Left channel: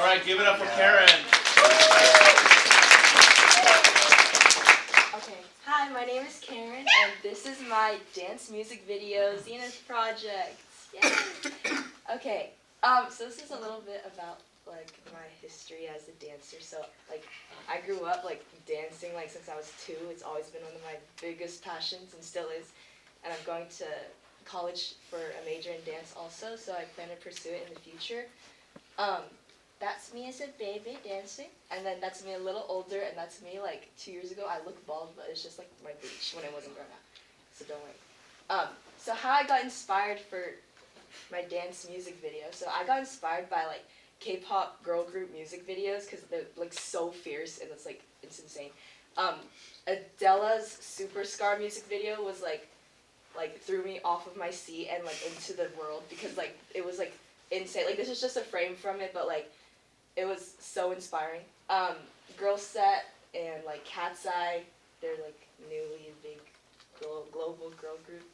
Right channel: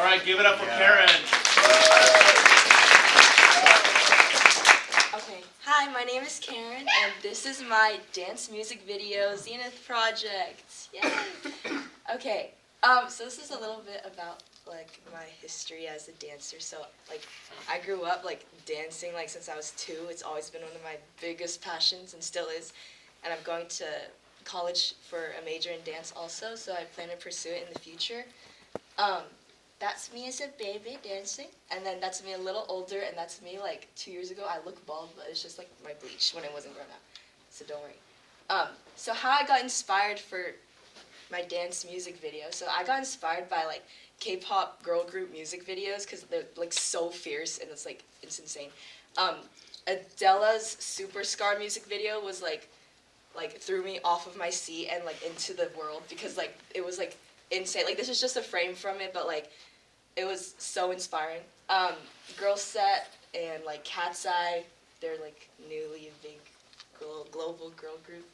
All right, give it up for Karen. Okay, hi, my name is Karen, and this is my dance music video Zenith project. Yay! Okay, so this is a little bit about like my history as a dancer. So like I grew up like dancing like since I was 2. It's always been one of my biggest passions and still is. And I'm going to college for a major in dance also, so I plan to pursue it in the future. That's me as a baby dancing, and then that's me a little older, and that's me like 2 years ago. I look bald, but it's just like my bleach when it wasn't grown out, so don't worry. So how I got inspired for my dance music video. So I got inspired by like K-pop girl group music videos because they're like so fierce and it's insane. Adele's Super Scar music video was like threw me off of my seat and like into the world because like it was like insane. Like this is just a frame from it, but like it was so inspiring. Girl Set and like Cat's Eye, they're like newly big global girl group.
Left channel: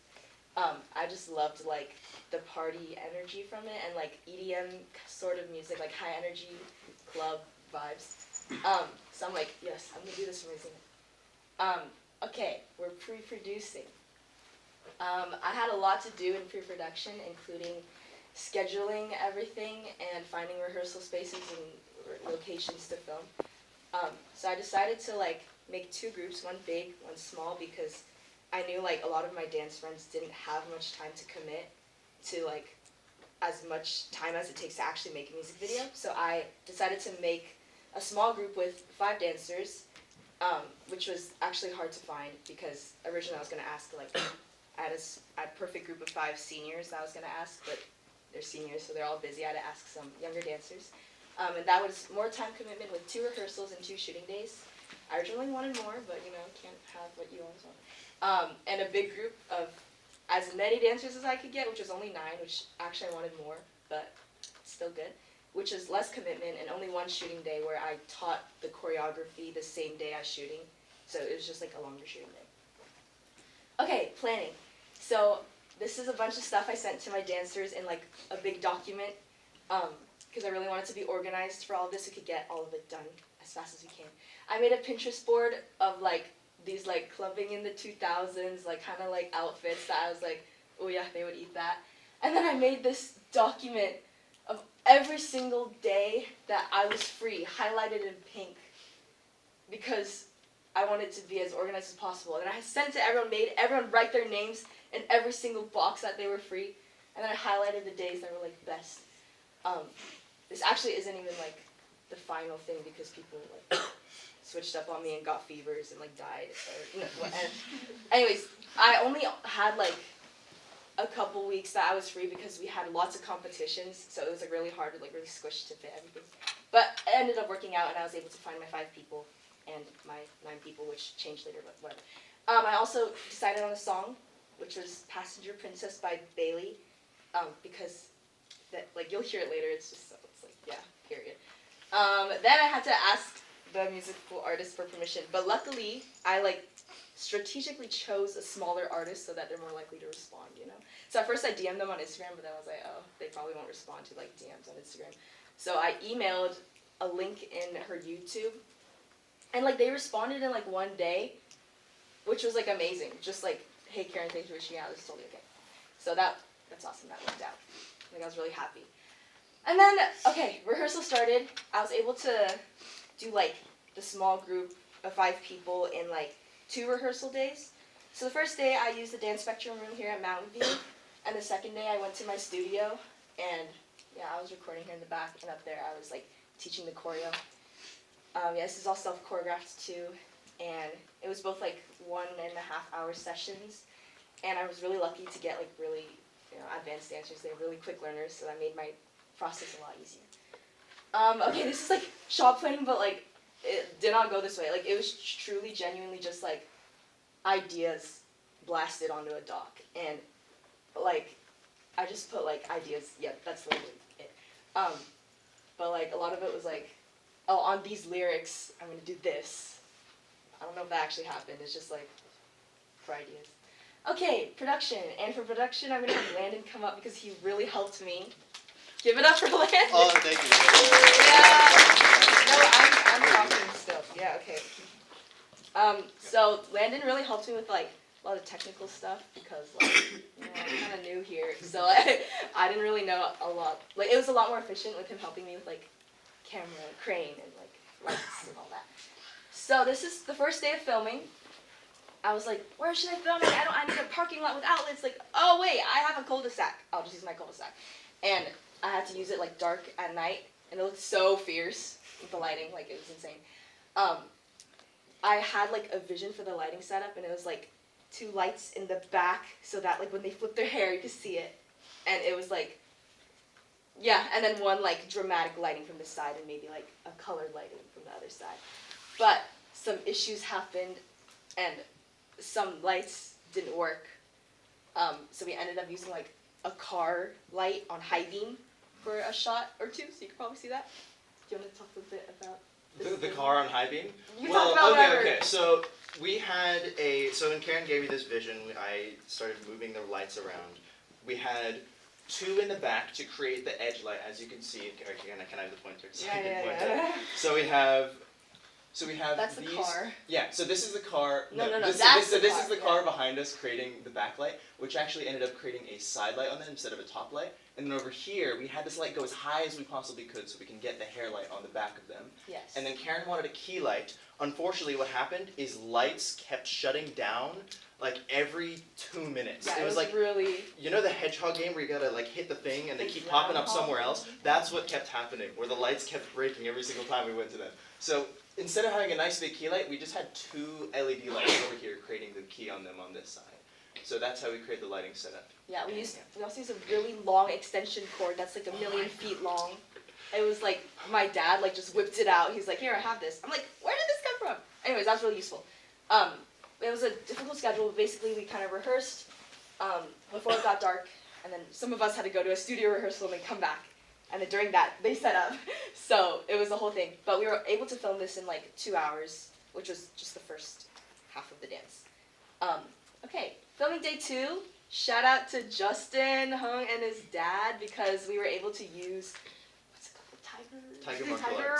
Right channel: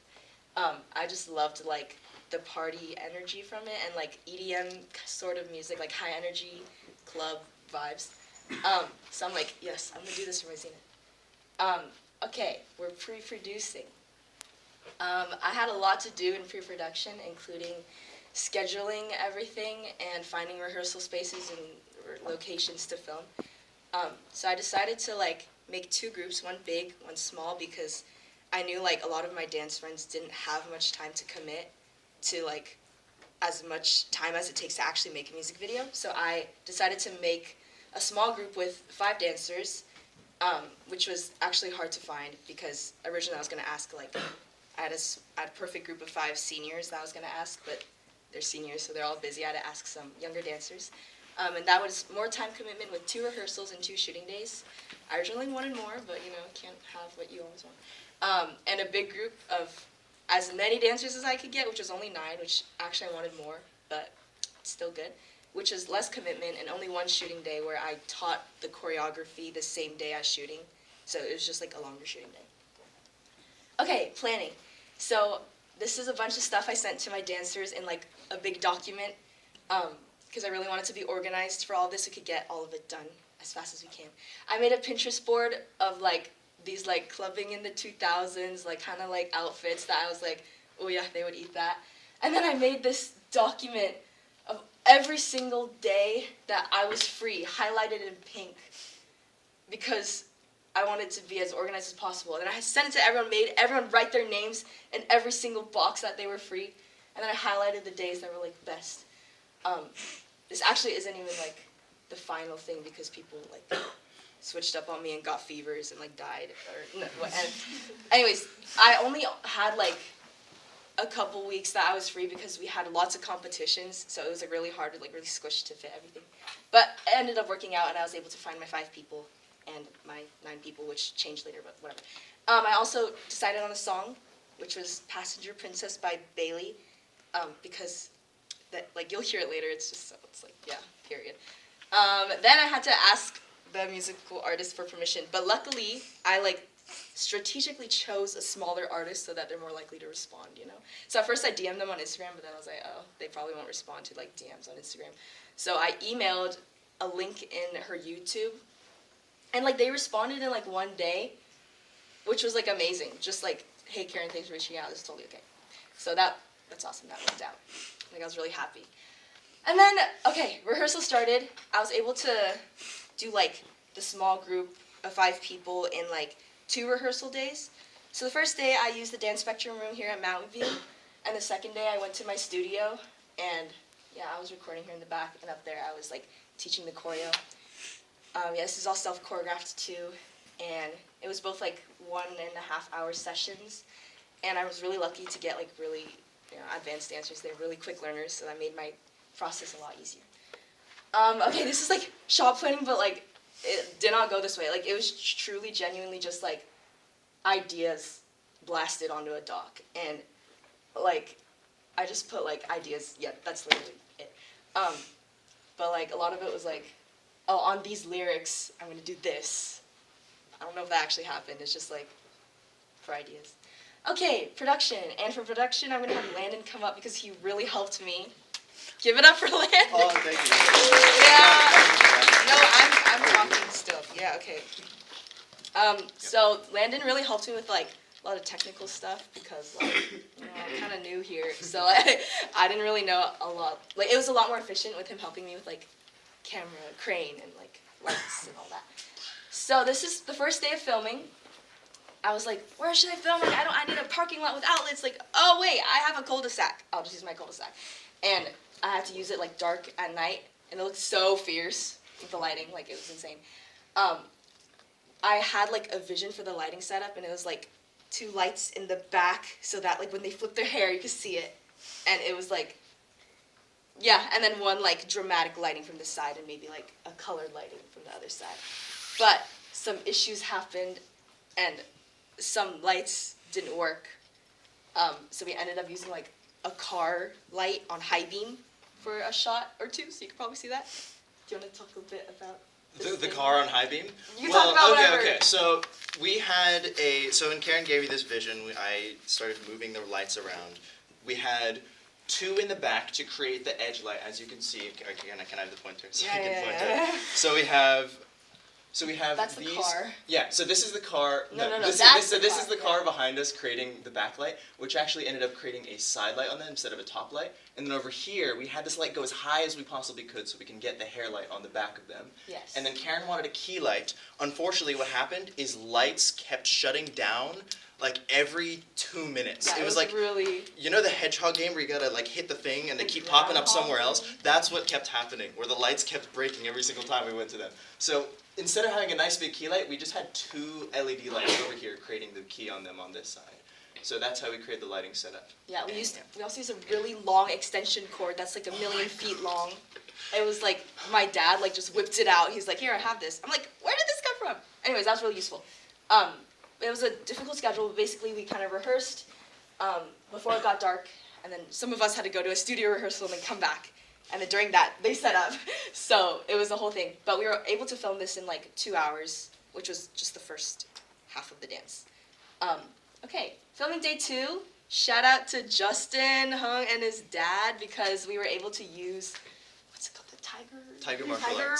I just loved like the party energy from it and like EDM sort of music, like high energy club vibes. So I'm like, yes, I'm gonna do this for my Zenith. Okay, we're pre-producing. I had a lot to do in pre-production, including scheduling everything and finding rehearsal spaces and locations to film. So I decided to like make 2 groups, one big, one small, because I knew like a lot of my dance friends didn't have much time to commit to like as much time as it takes to actually make a music video. So I decided to make a small group with 5 dancers, which was actually hard to find because originally I was going to ask like I had a perfect group of 5 seniors that I was going to ask, but they're seniors, so they're all busy. I had to ask some younger dancers. And that was more time commitment with 2 rehearsals and 2 shooting days. I originally wanted more, but you know, can't have what you always want. And a big group of as many dancers as I could get, which was only 9, which actually I wanted more, but it's still good, which is less commitment and only 1 shooting day where I taught the choreography the same day as shooting. So it was just like a longer shooting day. Okay, planning. So this is a bunch of stuff I sent to my dancers in like a big document because I really wanted to be organized for all this. We could get all of it done as fast as we can. I made a Pinterest board of like these like clubbing in the 2000s, like kind of like outfits that I was like, oh yeah, they would eat that. And then I made this document of every single day that I was free, highlighted in pink, because I wanted to be as organized as possible. And then I sent it to everyone, made everyone write their names in every single box that they were free. And then I highlighted the days that were like best. This actually isn't even like the final thing because people like switched up on me and got fevers and like died. Anyways, I only had like a couple weeks that I was free because we had lots of competitions, so it was like really hard to like really squish to fit everything. But it ended up working out and I was able to find my 5 people and my 9 people, which changed later, but whatever. I also decided on a song, which was Passenger Princess by Bailey, because that like you'll hear it later, it's like, yeah, period. Then I had to ask the musical artist for permission, but luckily I like strategically chose a smaller artist so that they're more likely to respond, you know? So at first I DM'd them on Instagram, but then I was like, oh, they probably won't respond to like DMs on Instagram. So I emailed a link in her YouTube, and like they responded in like 1 day, which was like amazing. Just like, hey Karen, thanks for reaching out, this is totally okay. So that's awesome, that worked out. Like I was really happy. And then, okay, rehearsal started. I was able to do like the small group of 5 people in like 2 rehearsal days. So the first day I used the dance spectrum room here at Mountain View, and the second day I went to my studio, and yeah, I was recording here in the back, and up there I was like teaching the choreo. Yeah, this is all self-choreographed too, and it was both like 1.5 hour sessions, and I was really lucky to get like really advanced dancers. They're really quick learners, so that made my process a lot easier. Okay, this is like shot planning, but like it did not go this way. Like it was truly, genuinely just like ideas blasted onto a doc, and like I just put like ideas. Yeah, that's literally it. But like a lot of it was like, oh, on these lyrics, I'm gonna do this. I don't know if that actually happened. It's just like for ideas. Okay, production. And for production, I'm gonna have Landon come up because he really helped me. Give it up for Landon. Oh, thank you. Yeah. So Landon really helped me with like a lot of technical stuff because like I'm kind of new here, so I didn't really know a lot. Like it was a lot more efficient with him helping me with like camera, crane, and like lights and all that. So this is the first day of filming. I was like, where should I film? Like, I need a parking lot with outlets. Like, oh wait, I have a cul-de-sac. I'll just use my cul-de-sac. And I had to use it like dark at night, and it looked so fierce with the lighting. Like it was insane. I had like a vision for the lighting setup, and it was like 2 lights in the back, so that like when they flip their hair, you could see it. And it was like, yeah, and then 1 like dramatic lighting from the side, and maybe like a colored lighting from the other side. But some issues happened, and some lights didn't work. So we ended up using like a car light on high beam for a shot or 2, so you could probably see that. Do you want to talk a bit about the car on high beam? You talk about whatever. Okay. So we had so when Karen gave me this vision, I started moving the lights around. We had 2 in the back to create the edge light, as you can see. Can I have the pointer? So I can point it. So we have. That's these. The car. Yeah. So this is the car. No. This is the car behind us creating the backlight, which actually ended up creating a side light on them instead of a top light. And then over here, we had this light go as high as we possibly could so we can get the hair light on the back of them. Yes. And then Karen wanted a key light. Unfortunately, what happened is lights kept shutting down like every 2 minutes. Yeah, it was like really. You know the hedgehog game where you gotta like hit the thing and they keep popping up somewhere else? That's what kept happening, where the lights kept breaking every single time we went to them. So instead of having a nice big key light, we just had 2 LED lights over here creating the key on them on this side. So that's how we created the lighting setup. Yeah, we also used a really long extension cord that's like 1,000,000 feet long. It was like my dad like just whipped it out. He's like, "Here, I have this." I'm like, "Where did this come from?" Anyways, that was really useful. It was a difficult schedule. Basically, we kind of rehearsed before it got dark, and then some of us had to go to a studio rehearsal and then come back. And then during that, they set up. So it was a whole thing. But we were able to film this in like 2 hours, which was just the first half of the dance. Okay, filming day 2. Shout out to Justin Hung and his dad because we were able to use, what's it called, the Tiger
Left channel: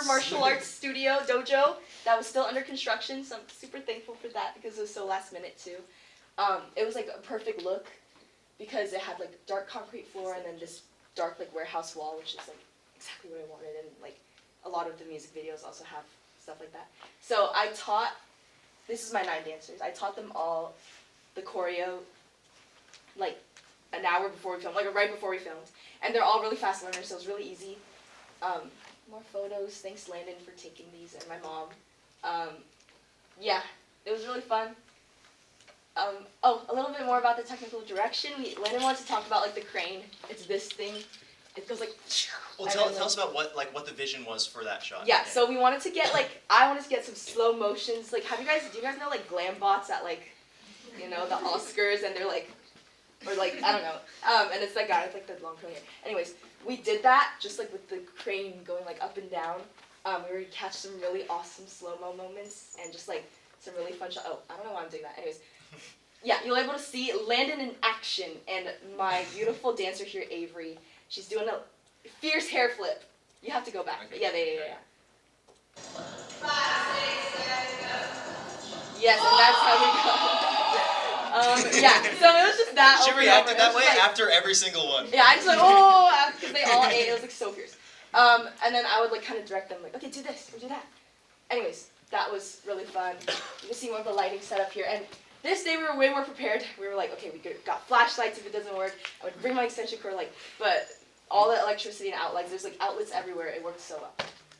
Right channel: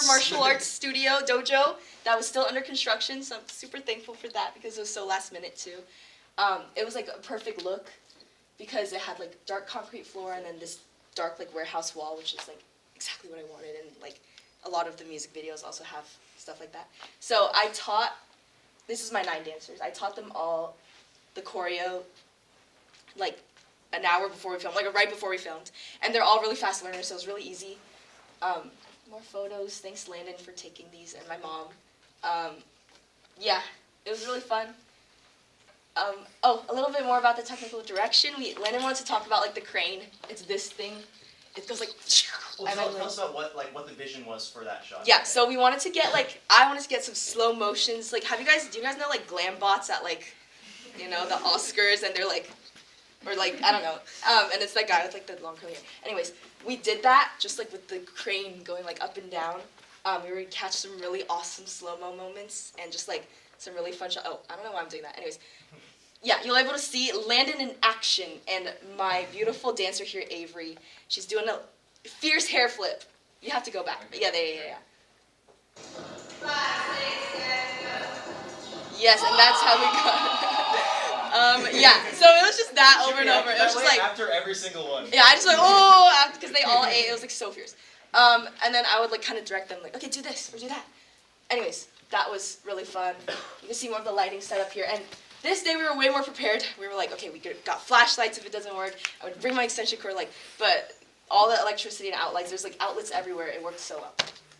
Martial Arts Studio Dojo that was still under construction. So I'm super thankful for that because it was so last minute too. It was like a perfect look because it had like dark concrete floor and then this dark like warehouse wall, which is like exactly what I wanted, and like a lot of the music videos also have stuff like that. So I taught, this is my 9 dancers, I taught them all the choreo like an hour before we filmed, like right before we filmed, and they're all really fast learners, so it was really easy. More photos, thanks Landon for taking these, and my mom. Yeah, it was really fun. A little bit more about the technical direction. Landon wanted to talk about like the crane. It's this thing. It goes like. Well, tell us about what the vision was for that shot. Yeah, so we wanted to get like I wanted to get some slow motions. Like, do you guys know like glam bots at like, you know, the Oscars, and they're like, or like I don't know, and it's that guy with like the long curly hair. Anyways, we did that just like with the crane going like up and down. We were catch some really awesome slow-mo moments and just like some really fun shots. Oh, I don't know why I'm doing that. Anyways. Yeah, you'll be able to see Landon in action, and my beautiful dancer here, Avery. She's doing a fierce hair flip. You have to go back. But yeah. Yes, and that's how we go. Yeah, so it was just that Should over we and act over. that way like, after every single one? Yeah, I just like, because they all ate. It was like so fierce. And then I would like kind of direct them, like, okay, do this or do that. Anyways, that was really fun. You can see more of the lighting setup here, and this day we were way more prepared. We were like, okay, we got flashlights if it doesn't work. I would bring my extension cord, like, but all the electricity and outlets, there's like outlets everywhere. It worked so well.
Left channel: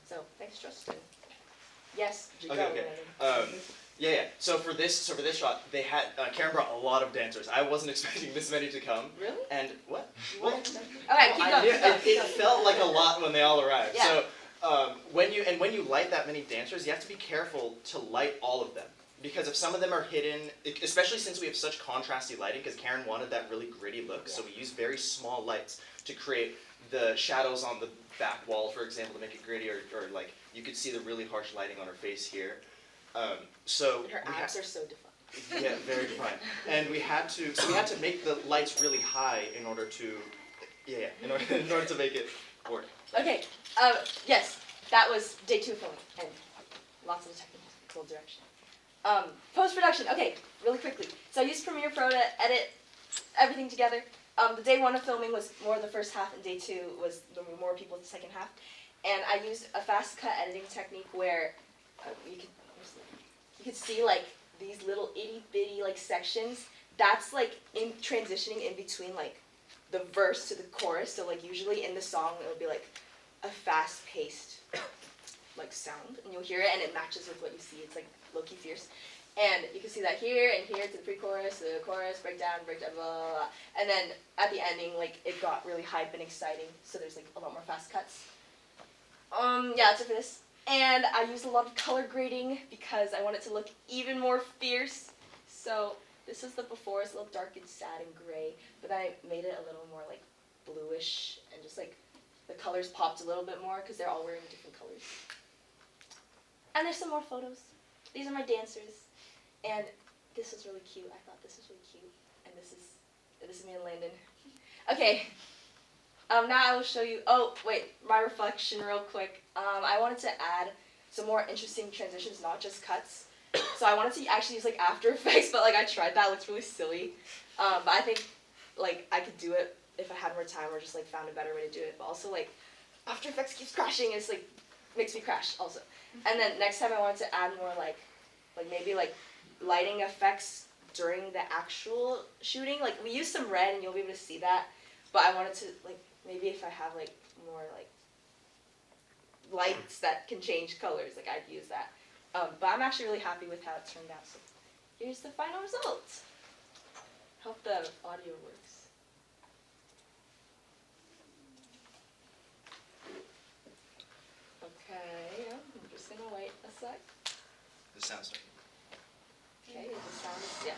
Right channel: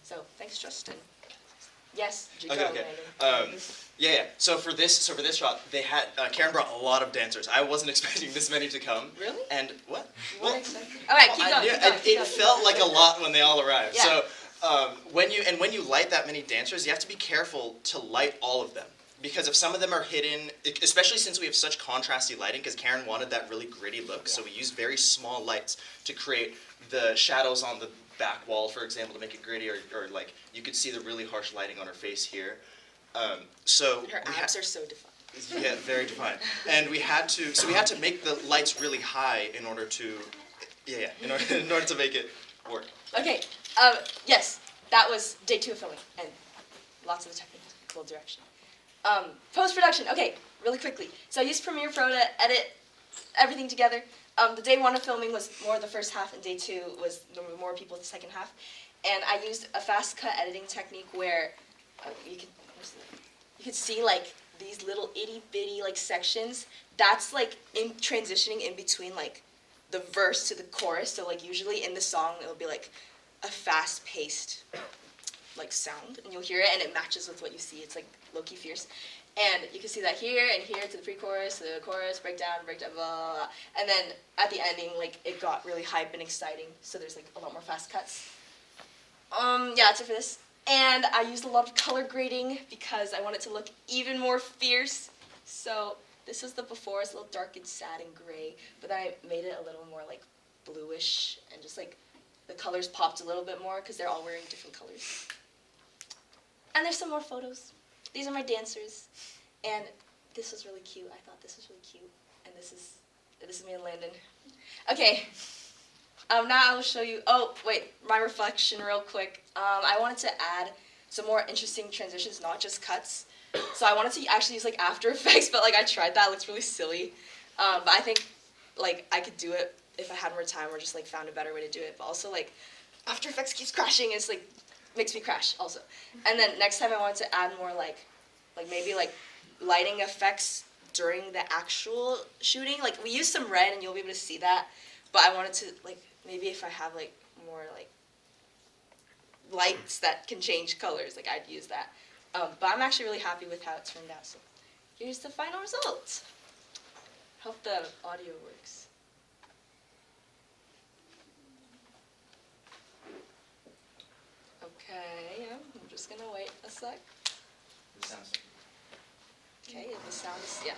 So thanks, Justin. Yes. Okay. Yeah. So for this shot, they had Karen brought a lot of dancers. I wasn't expecting this many to come. Really? And what? All right, keep going. It felt like a lot when they all arrived. Yeah. So when you light that many dancers, you have to be careful to light all of them. Because if some of them are hidden, especially since we have such contrasty lighting, because Karen wanted that really gritty look, so we used very small lights to create the shadows on the back wall, for example, to make it gritty, or like you could see the really harsh lighting on her face here. So her abs are so defined. Yeah, very defined. And we had to make the lights really high in order to make it work. Okay. Yes, that was day 2 of filming, and lots of technical direction. Post-production. Okay, really quickly. So I used Premiere Pro to edit everything together. The day one of filming was more the first half, and day two was more people the second half. And I used a fast cut editing technique where you could see like these little itty bitty like sections. That's like in transitioning in between like the verse to the chorus. So like usually in the song it'll be like a fast paced like sound, and you'll hear it and it matches with what you see. It's like low-key fierce. And you can see that here and here to the pre-chorus, the chorus, breakdown, blah, blah, blah. And then at the ending, like, it got really hype and exciting. So there's, like, a lot more fast cuts. Yeah, that's it for this. And I used a lot of color grading because I want it to look even more fierce. So this is the before. It's a little dark and sad and gray. But then I made it a little more, like, bluish. And just, like, the colors popped a little bit more because they're all wearing different colors. And there's some more photos. These are my dancers, and this was really cute. I thought this was really cute, and this is me and Landon. Okay, now I will show you. Oh wait, my reflection real quick. I wanted to add some more interesting transitions, not just cuts. So I wanted to actually use like After Effects, but like I tried that. It looks really silly. But I think like I could do it if I had more time, or just like found a better way to do it. But also like After Effects keeps crashing. It's like makes me crash also. And then next time I wanted to add more like maybe like lighting effects during the actual shooting. Like we used some red and you'll be able to see that, but I wanted to like maybe if I have like more like lights that can change colors, like I'd use that. But I'm actually really happy with how it turned out. So here's the final result. Hope the audio works. Okay, I'm just gonna wait a sec. The sound's Okay, the sound is, yeah,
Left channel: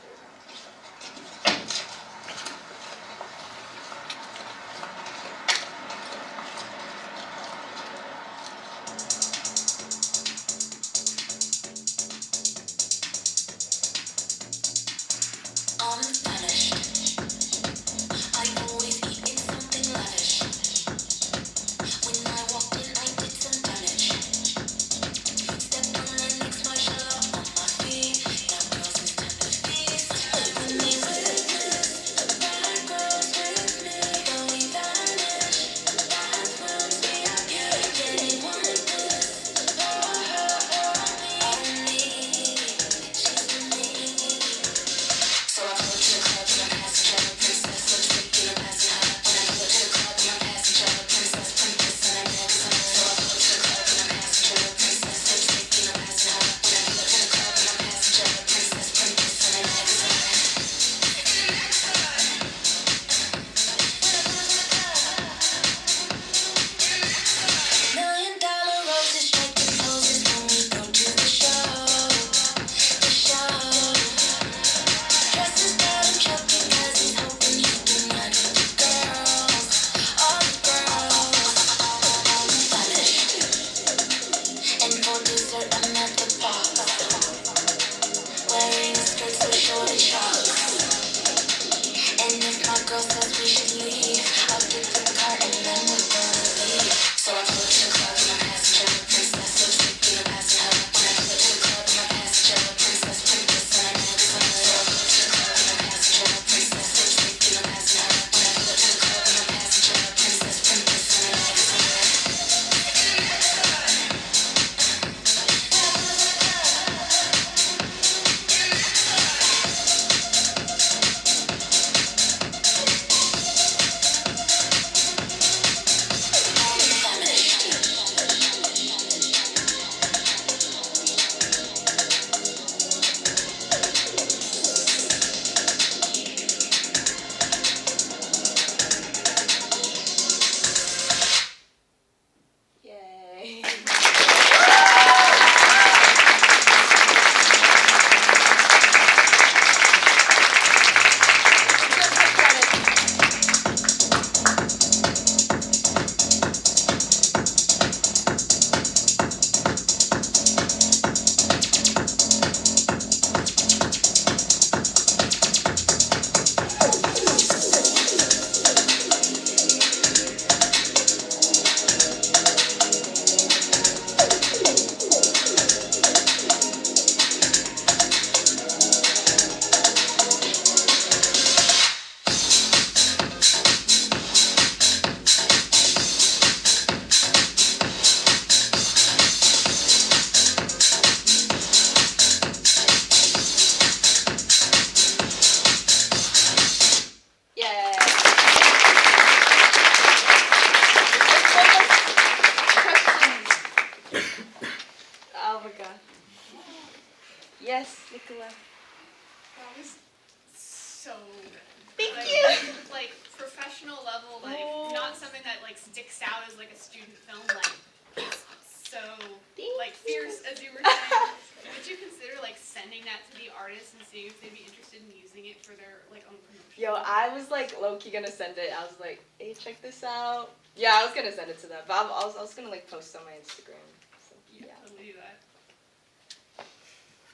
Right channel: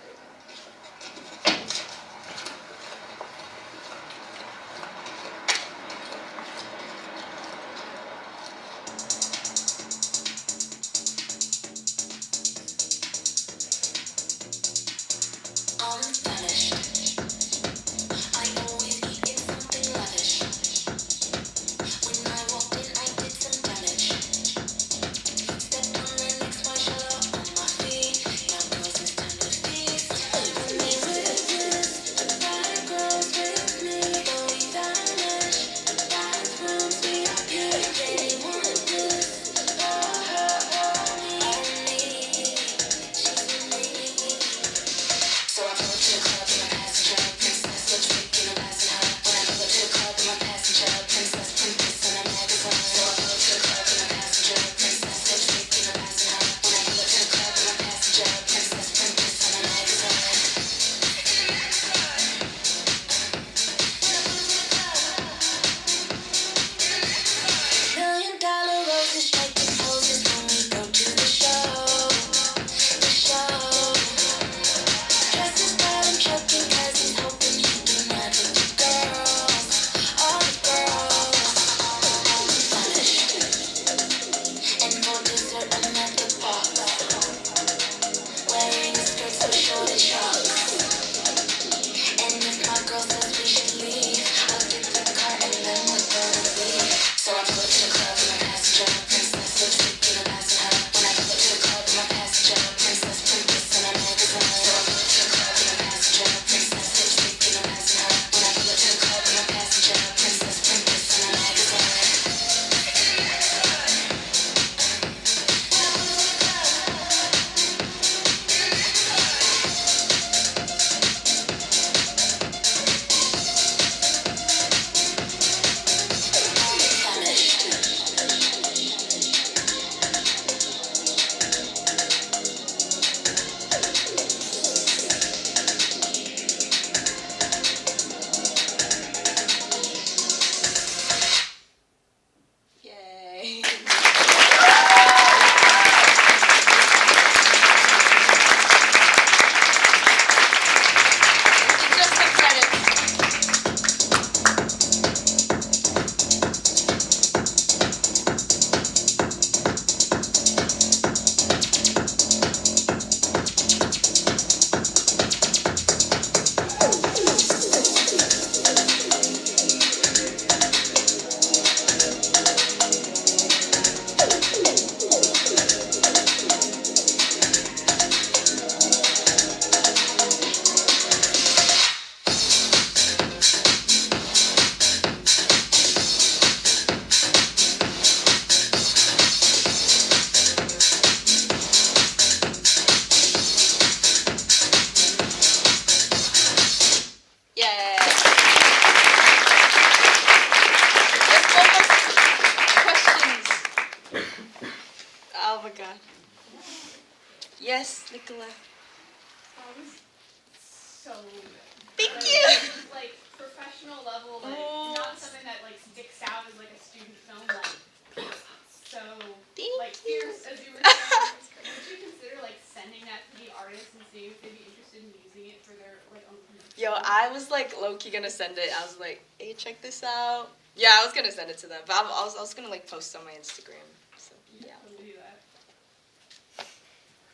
Oh my god. Yes, Nicola. That was so good. Thank Like, you. Like professional level, like Oh. not something that like sticks out as like a student film, like so Thank like you. fierce as you were saying. Would you consider like sending that to the artists and seeing if they'd be interested in using it for their like own commercial? Yo, I was like low key gonna send it. I was like, hey, check this out. Yeah, I was gonna send it to them, but I was gonna like post on my Instagram. So You yeah. could totally do that.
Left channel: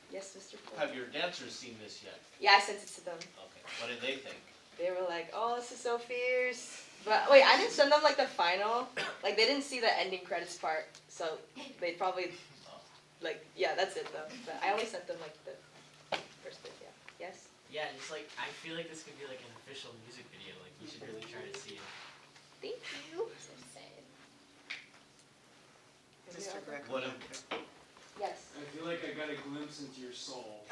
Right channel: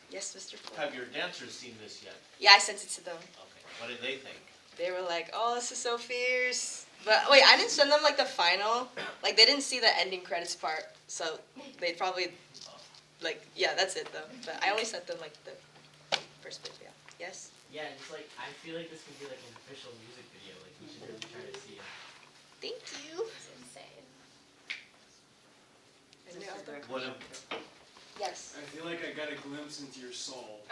Yes, Mr. Flo. Have your dancers seen this yet? Yeah, I sent it to them. Okay. What did they think? They were like, oh, this is so fierce. But wait, I didn't send them like the final. Like they didn't see the ending credits part, so they'd probably like yeah, that's it though. But I only sent them like the first bit. Yeah. Yes. Yeah, it's like I feel like this could be like an official music video. Like we should really try to see it. Thank you. It's insane. Mr. Beck. What if, Yes. I feel like I got a glimpse into your soul.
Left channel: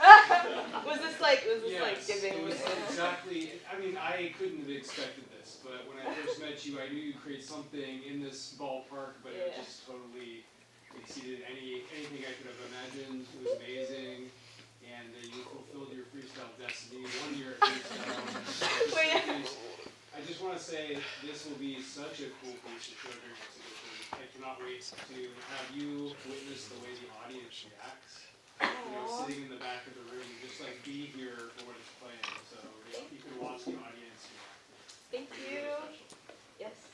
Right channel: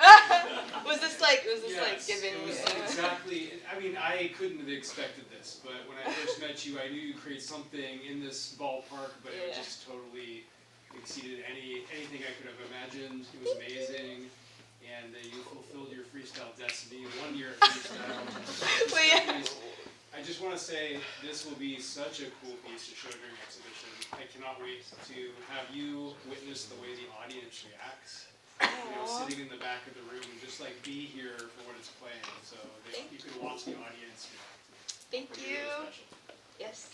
Was this like Yes, given? it was exactly. I mean, I couldn't have expected this, but when I first met you, I knew you'd create something in this ballpark, but it Yeah. just totally exceeded anything I could have imagined. It was amazing, and you fulfilled your freestyle destiny. 1 year at freestyle. Wait, yeah. I just want to say this will be such a cool piece to show during exhibition. I cannot wait to have you witness the way the audience reacts. You know, Aw. sitting in the back of the room, just like be here for when it's playing, so that you can watch the audience react. Thank It'll be you. real special. Yes.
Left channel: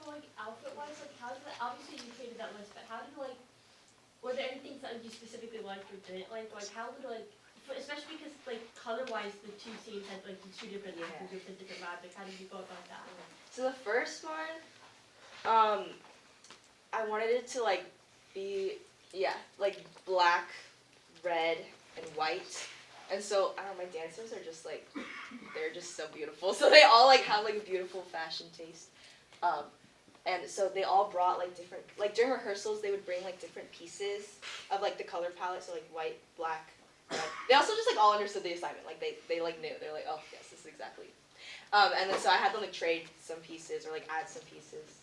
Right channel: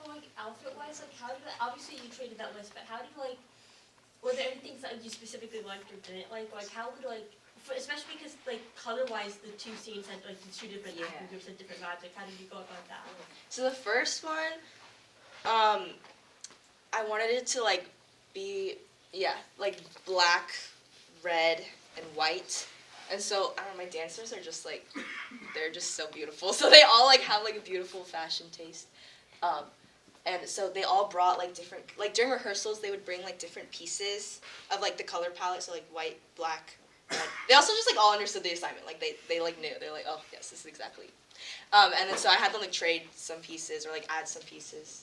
For like outfit wise, like how did obviously you created that list, but how did like were there any things that you specifically liked or didn't like? Like how could like especially because like color wise the two scenes had like the two different Yeah. acting groups had different vibes. Like how did you go about that? So the first one, I wanted it to like be like black, red, and white. And so I don't know, my dancers are just like they're just so beautiful. So they all like have like a beautiful fashion taste. And so they all brought like different like during rehearsals they would bring like different pieces of like the color palette, so like white, black, red. They also just like all understood the assignment. Like they like knew. They're like, oh yes, this is exactly. And then so I had them like trade some pieces or like add some pieces,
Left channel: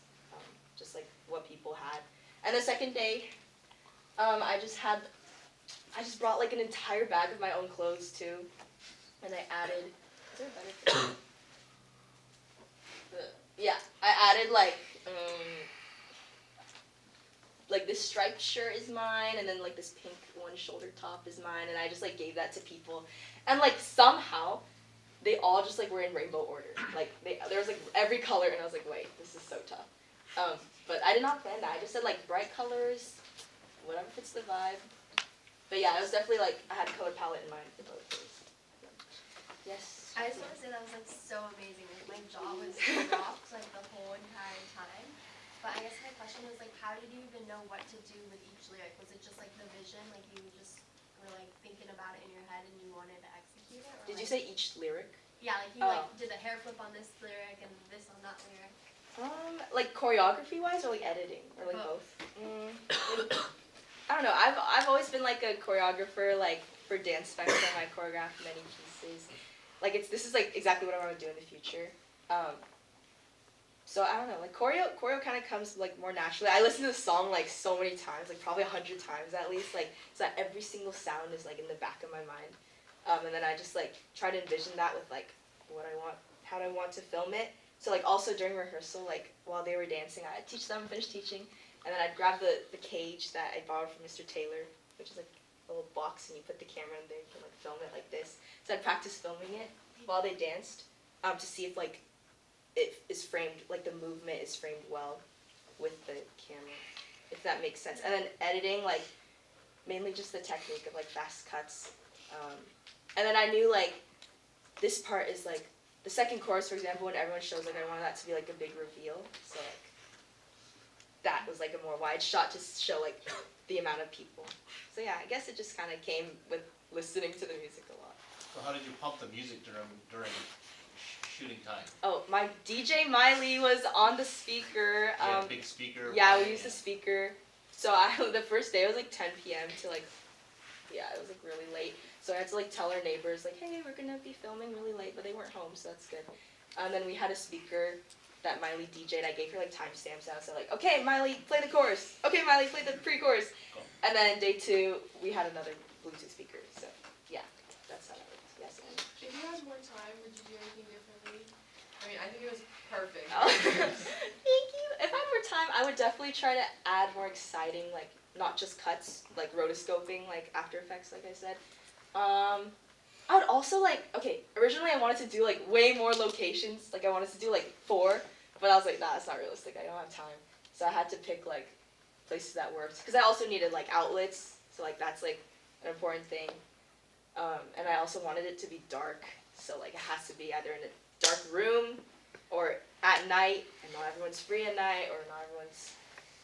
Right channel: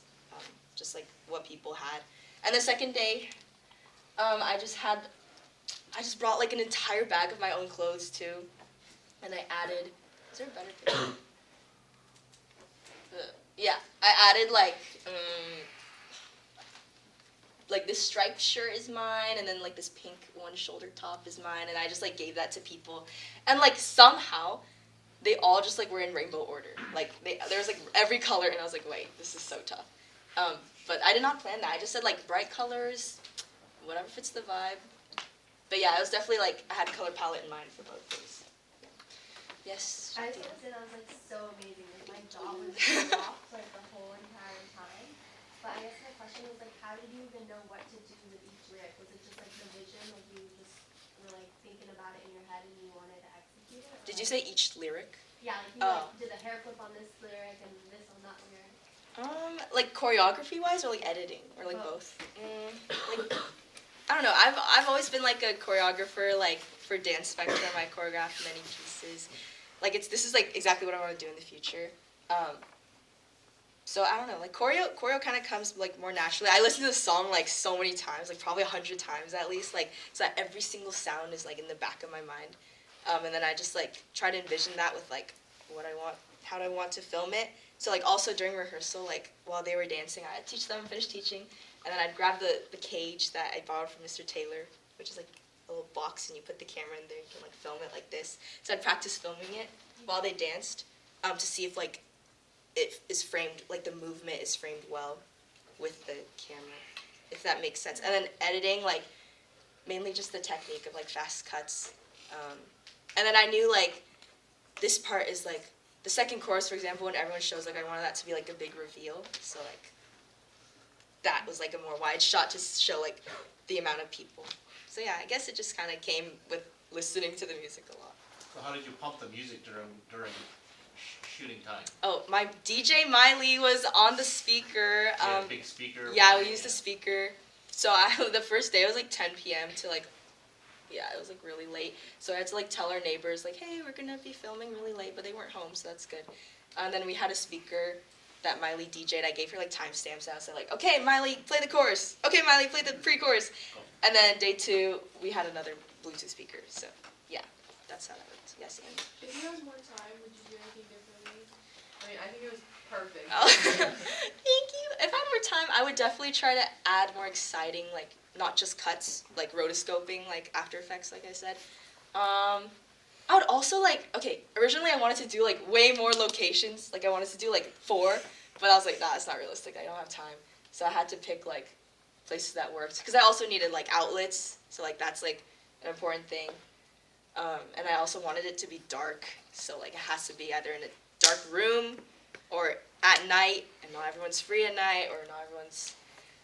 just like what people had. And the second day, I just brought like an entire bag of my own clothes too, and I added. Is there a better picture? Yeah, I added like this striped shirt is mine, and then like this pink one shoulder top is mine, and I just like gave that to people, and like somehow they all just like were in rainbow order. Like there was like every color, and I was like, wait, this is so tough. But I did not plan that. I just said like bright colors, whatever fits the vibe. But yeah, it was definitely like I had a color palette in mind for both those. Yes. I just want to say that was like so amazing. Like, my jaw was dropped like the whole entire time. But I guess my question was like, how did you even know what to do with each lyric? Was it just like the vision, like you just were like thinking about it in your head and you wanted to execute it? Or, Did you like, say each lyric? Yeah, like you like did a hair flip on this lyric and this on that lyric. Like choreography wise or like editing or like both? Like, I don't know. I've always been like a choreographer. Like for Dance Spectrum, I choreographed many pieces. Like this is like exactly what I want to do in the future. So I don't know. Like choreo kind of comes like more naturally. I listen to the song like so many times, like probably 100 times at least. Like so that every single sound is like in the back of my mind. And then I just like try to envision that with like what I want, how do I want to film it. So like also during rehearsal, like while they were dancing, I'd teach them, finish teaching, and then I'd grab the cage that I borrowed from Mr. Taylor, which is like a little box, and you put the camera in there, you can like film it like this. So I'd practice filming it while they danced, to see if like it is framed, like the movement is framed well with the camera, if that makes sense. And then editing, like mainly just the technique of like fast cuts. And then I knew like this part is like the second chorus, for example, when everyone shows, like I wanted that to be like a big reveal. So like that was like a more wide shot to show like the amount of people. So yeah, I guess it just kind of came with listening to the music a lot. so how did you pump the music during shooting time? Oh, my DJ Miley was on the speaker. You had a big speaker. Yeah, we playing, used the speaker. So the first day it was like 10 p.m. to like, yeah, it was like really late. So I had to like tell our neighbors like, hey, we're gonna be filming really late, but they weren't home, so that's good. And then we had a speaker, that Miley DJ'd. I gave her like timestamps and I said like, okay, Miley, play the chorus. Okay, Miley, play the pre-chorus. Cool. And then day 2, we had another Bluetooth speaker. So yeah, that's how that worked. Yes, and. If you had more time, would you do anything differently? I mean, I think it was perfect. Thank you. If I had more time, I would definitely try to add more exciting, like not just cuts, like rotoscoping, like After Effects, like I said. I would also like, okay, originally I wanted to do like way more locations, like I wanted to do like 4, but I was like, nah, it's not realistic, I don't have time. So I had to pick like places that worked, because I also needed like outlets, so like that's like an important thing. And I also wanted it to be dark, so like it has to be either in a dark room or at night, and not everyone's free at night, or not everyone's.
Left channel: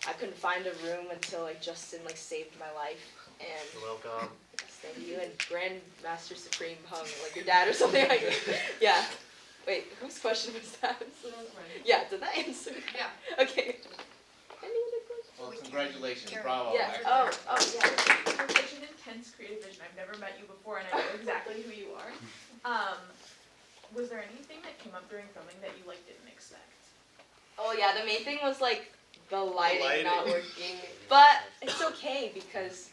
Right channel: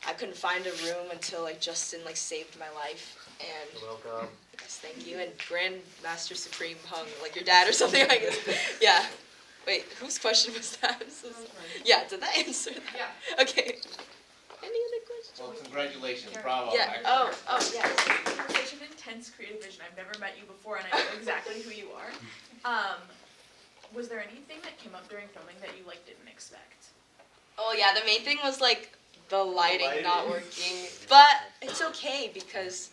I couldn't find a room until like Justin like saved my life, and You're welcome. yes, thank you. And Grandmaster Supreme hung like your dad or something like that. Yeah. Wait, whose question was that? Yeah, did that answer that? Yeah. Okay. Any other questions? Well, congratulations, bravo. Yeah. actually. Oh, yeah. You're such an intense creative vision. I've never met you before, and I know exactly who you are. Was there anything that came up during filming that you like didn't expect? Oh yeah, the main thing was like the lighting not working, but it's okay because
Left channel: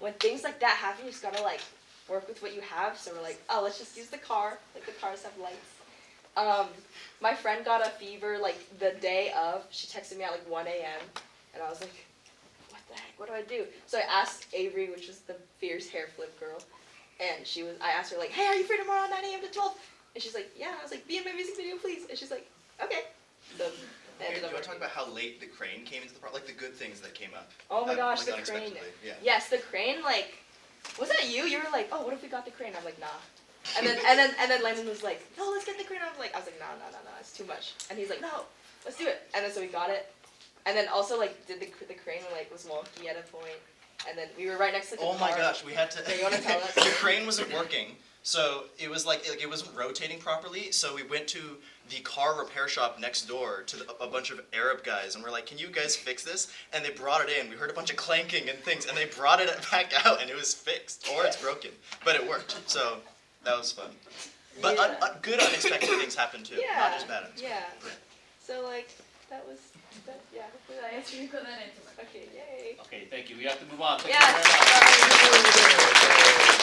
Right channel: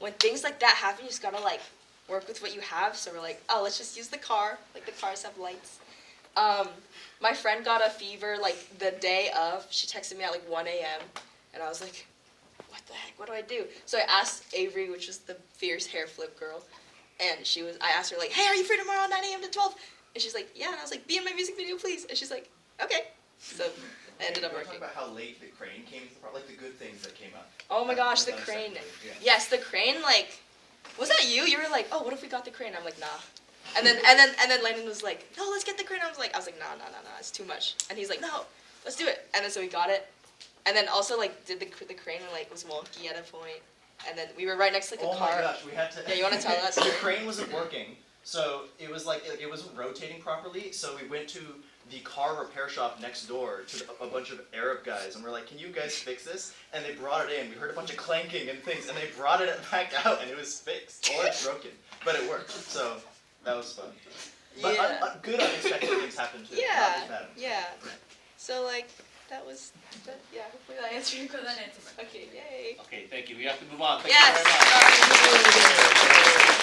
when things like that happen, you just gotta like work with what you have. So we're like, oh, let's just use the car. Like the cars have lights. My friend got a fever like the day of. She texted me at like 1 a.m. and I was like, what the heck? What do I do? So I asked Avery, which was the fierce hair flip girl, and I asked her like, hey, are you free tomorrow 9 a.m. to 12? And she's like, yeah. And I was like, be in my music video, please. And she's like, okay. So I ended up We're working. talking about how late the crane came into the like the good things that came up. Oh my gosh, Like, the crane. unexpectedly, yeah. Yes, the crane. Like, was that you? You were like, oh, what if we got the crane? I'm like, nah. And then Landon was like, no, let's get the crane. I was like, nah, it's too much. And he's like, no, let's do it. And then so we got it. And then also like did the crane and like was wonky at a point. And then we were right next to like, a Oh car. my gosh, we had to. Yeah, you wanna tell us? The crane wasn't working, so it was like it wasn't rotating properly. So we went to the car repair shop next door to a bunch of Arab guys, and we're like, "Can you guys fix this?" And they brought it in. We heard a bunch of clanking and things, and they brought it back out, and it was fixed, or it's broken, but it worked. So that was fun. But Yeah. good unexpected things happened too. Yeah. Not as bad. Yeah. So like that was yeah. Hopefully that answered your So that question. answers my Okay, yay. Okay, thank you. We have to move on. Thank Yes. you very much.